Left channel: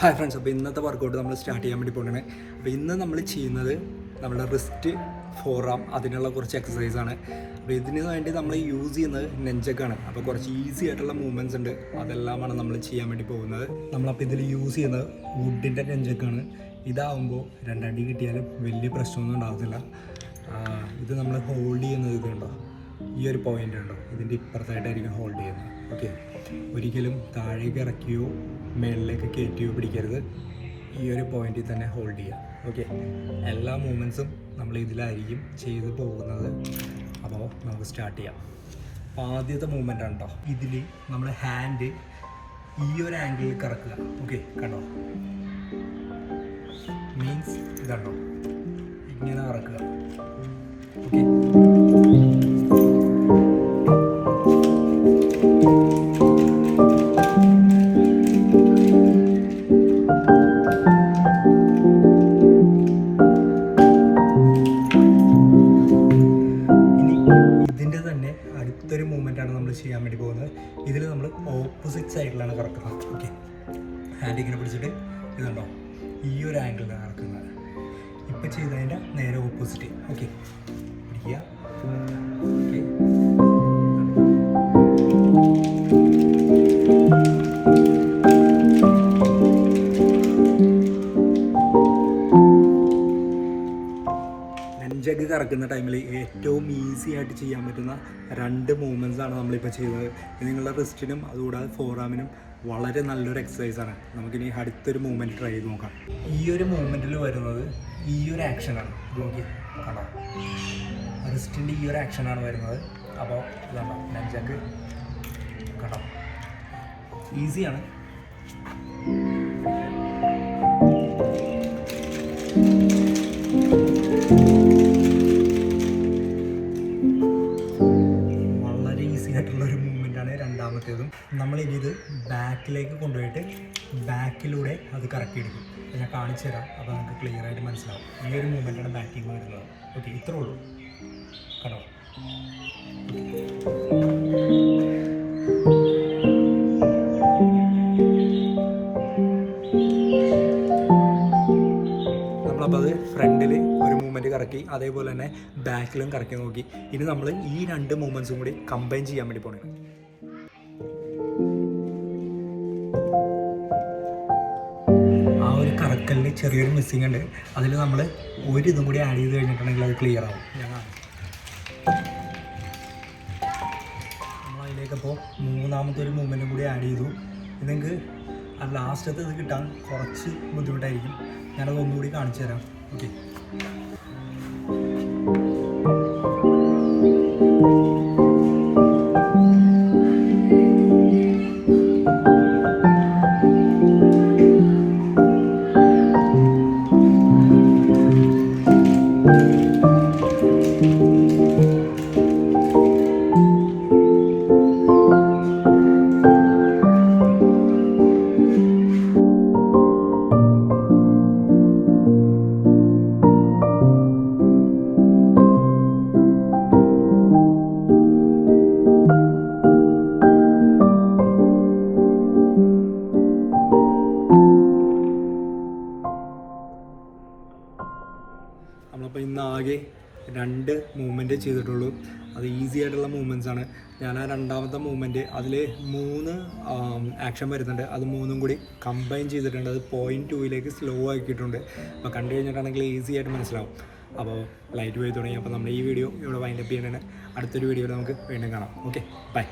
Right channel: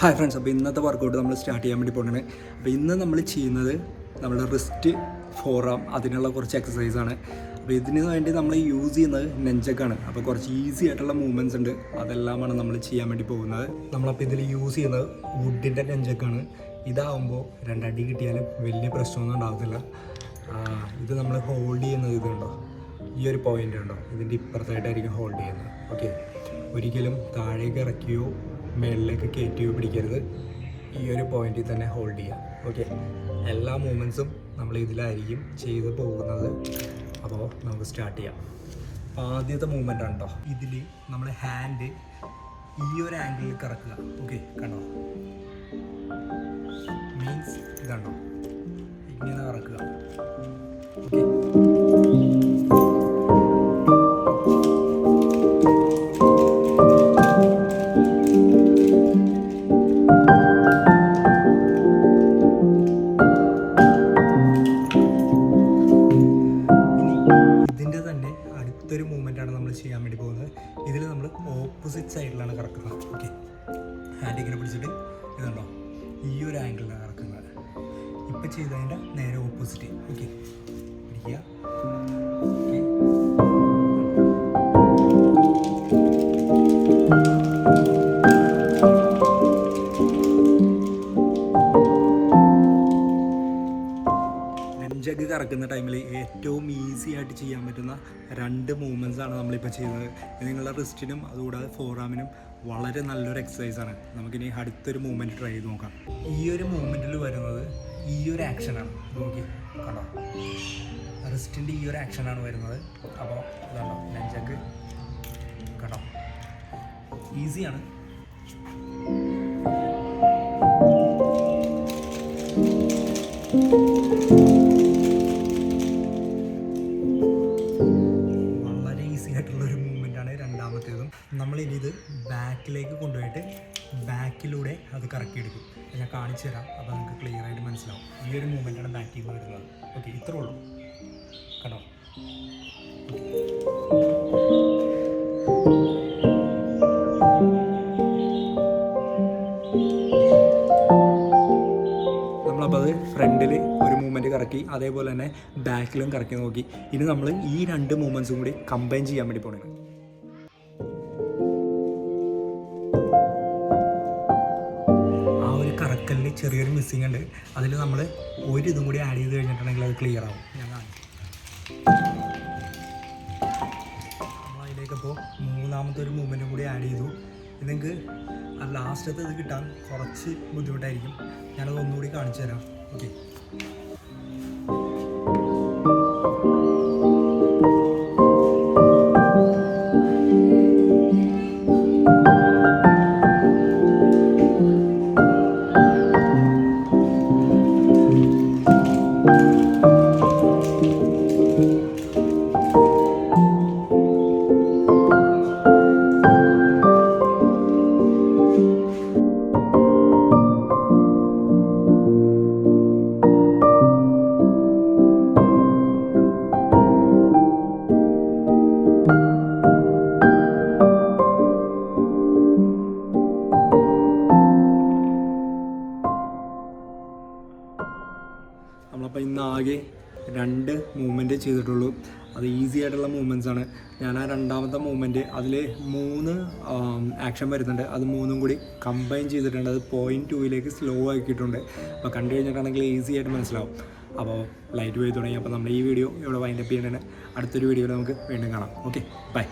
Hi friends, അപ്പോൾ ഇന്നത്തെ workout നമ്മൾ സ്റ്റാർട്ട് ചെയ്യാൻ വേണ്ടി പോകുന്നത്. അപ്പോൾ ഇന്ന് നമ്മൾ ചെയ്യുന്നത് നമ്മുടെ റിസ്റ്റ് ഫോറാം അതിനുള്ള കുറച്ച് എക്സസൈസാണ്. അപ്പോൾ ഇതിന് വേണ്ടി നമ്മൾ യൂസ് ചെയ്യുന്നത് നെഞ്ചക്കാണ്. അപ്പോൾ കുറച്ച് ഈസി ആയിട്ടുള്ള മൂവ്മെൻറ്റ്സ് ഉണ്ട്, അതെല്ലാമാണ് നമ്മൾ ചെയ്യാൻ വേണ്ടി പോകുന്നത്. നമ്മളപ്പോൾ ഇതിൽ യൂസ് ചെയ്യുന്നത് വുഡിൻ്റെ നെഞ്ചക്കാണ്. ഇതാകുമ്പോൾ രണ്ടടി കിട്ടിയാലും വലിയ പ്രശ്നമൊന്നും ഉണ്ടാകത്തില്ല. ഇത് നമ്മൾ ഹോൾഡ് ചെയ്യുന്നത് ഇതുണ്ടോ, ഈ ഒരു പോയിൻ്റ് ഉണ്ടോ, ഇതിൻ്റെ ഇപ്പുറത്തായിട്ടായിരിക്കും ഹോൾഡ് ചെയ്യുന്നത്. ഓക്കെ, ഒരിക്കലും താഴേക്ക് ഇറക്കിയോ മേളിലേക്ക് കയറ്റിയോ പിടിക്കരുത്. ഈ ഒരു പോയിന്റിൽ തന്നെ ഹോൾഡ് ചെയ്യാം. ഓക്കെ, എല്ലാ മൂവ്മെൻറ്റ്സും നമ്മൾ ഇതിലായിരിക്കും ചെയ്ത് പോകുന്നത്. അപ്പോൾ നമുക്ക് സ്റ്റാർട്ട് ചെയ്യാം. ആദ്യത്തെ മൂവ്മെൻ്റ് ഉണ്ടോ, ഇതിൽ നമ്മൾ ഹാൻഡ് ഈ ഒരു ആംഗിളിൽ കറക്കുക. ഓക്കെ, കണ്ടോ, മീൻസ് ഇതുണ്ടോ, ഇങ്ങനെ കറക്കുക. ഓക്കെ, അടുത്തൊരു മൂവ്മെൻ്റാണ് നമ്മൾ ചെയ്യാൻ വേണ്ടി പോകുന്നത്. ഇതിൽ നമ്മൾ ഓപ്പോസിറ്റ് സൈഡിലാണ് കറക്കുന്നത്. ഓക്കെ, ഹാൻഡ് ഇങ്ങനെ പിടിച്ചിട്ട് ഇതുണ്ടോ, ഈ ഒരു ആംഗിളിലാണ് കറക്കുന്നത്. ഇപ്പം ചെയ്തതിൻ്റെ നേരെ ഓപ്പോസിറ്റ്. ഓക്കെ, പിടിക്കുക. ഓക്കെ, നെഞ്ചക്ക് കറക്കുന്ന ടൈമിൽ ഏറ്റവും ഈസി ആയിട്ട് ചെയ്യാൻ പറ്റുന്ന രണ്ട് മൂവ്മെൻറ്റ്സാണ് നമ്മളിപ്പോൾ ചെയ്യുന്നത്. ഇത് നിങ്ങളുടെ റിസ്റ്റിനും അതുകൂടാതെ ഫോറാമിനും വളരെ നല്ലൊരു എക്സസൈസാണ്. നമുക്കിനി അടുത്തൊരു മൂവ്മെൻറ്റ് ട്രൈ ചെയ്ത് നോക്കാം. ഈ ഒരു മൂവ്മെൻറ്റിൽ വരുന്നത് ഈ ഒരു ആക്ഷനാണ്. നോക്കി കണ്ടോ, റിസ്റ്റിൻ്റെ ഈ ഒരു ആക്ഷനാണ് വരുന്നത്. അപ്പോൾ ഇതാണോ നെഞ്ചക്ക്, കണ്ടോ, ഈസിയാണ്. ആയിട്ടുള്ളൊരു മൂവ്മെൻറ്റാണ് രണ്ടാമത്തേതും. നമ്മളിനി ഇത് ബാക്കിലേക്ക് കൊണ്ടുപോയിട്ട് ബാക്കിലൂടെ അത് കറക്കിയെടുക്കും. ഞാൻ കാണിച്ചു തരാം, അപ്പോൾ നമുക്ക് ക്ലിയർ ആയിട്ട് മനസ്സിലാവും. ഈ ഒരു മൂവ്മെൻറ്റാണ് ബാക്കിലേക്ക് വരുന്നത്. ഓക്കെ, ഇത്രേ ഉള്ളൂ. കണ്ടോ, നമ്മളപ്പോൾ അത് ഫ്രണ്ടിൽ ഒരു മൂവ്മെൻറ്റ് കറക്കി, അതേപോലെ തന്നെ ബാക്കിലും കറക്കി നോക്കി. ഇനി നമ്മൾ ഈ രണ്ട് മൂവ്മെൻറ്റ്സും കൂടി കമ്പൈൻ ചെയ്യാൻ വേണ്ടി പോകണം. ആ ഒരു കറക്കലിന് ചെറിയൊരു മിസ്സിങ് ഉണ്ട്. അതിൽ നമ്മൾ ഒരു ഇതും കൂടി ആഡ് ചെയ്ത് കഴിഞ്ഞിട്ടുണ്ടെങ്കിൽ അത് ക്ലിയർ ആവും. നമ്മളതിലേക്കപ്പോൾ മൂന്നാമത്തെ ഒരു മൂവ്മെൻറ്റും കൂടി ആഡ് ചെയ്തു. ഇത് നിങ്ങൾക്ക് ലാസ്റ്റത്തെ ഇത് കിട്ടാൻ കുറച്ച് ബുദ്ധിമുട്ടായിരിക്കും. ഞാനത് ഒന്നുകൂടി കാണിച്ചു തരാം. ഓക്കെ, നമ്മളപ്പോൾ ഇന്ന് ആകെ രണ്ട് മൂവ്മെൻറ്റ് ചെയ്തിട്ടുള്ളൂ. അത് ഈസി ആയിട്ടുള്ള മൂവ്മെൻറ്റ്സാണ്. ഞാൻ ആ രണ്ടാമത്തെ മൂവ്മെൻറ്റ് അതിൽ 3 ആക്ഷൻ വരുന്നുണ്ട്. അത് 3ഉം കൂടി കമ്പൈൻ ചെയ്തിട്ടുണ്ട്. അത് 0.2 സ്ലോ ആക്കിയിട്ടുണ്ട്. അപ്പോൾ കണ്ടു കഴിഞ്ഞിട്ടാണെങ്കിൽ ഈസി ആയിട്ട് മനസ്സിലാവും. അപ്പോൾ ലൈറ്റ് പോയി തുടങ്ങി. അപ്പോൾ നമ്മൾ ഈ വീഡിയോ ഇവിടെ വൈൻഡപ്പ് ചെയ്യേണ്ടതാണ്. അടുത്തൊരു വീഡിയോയിൽ നമുക്ക് വീണ്ടും കാണാം. Okay, by.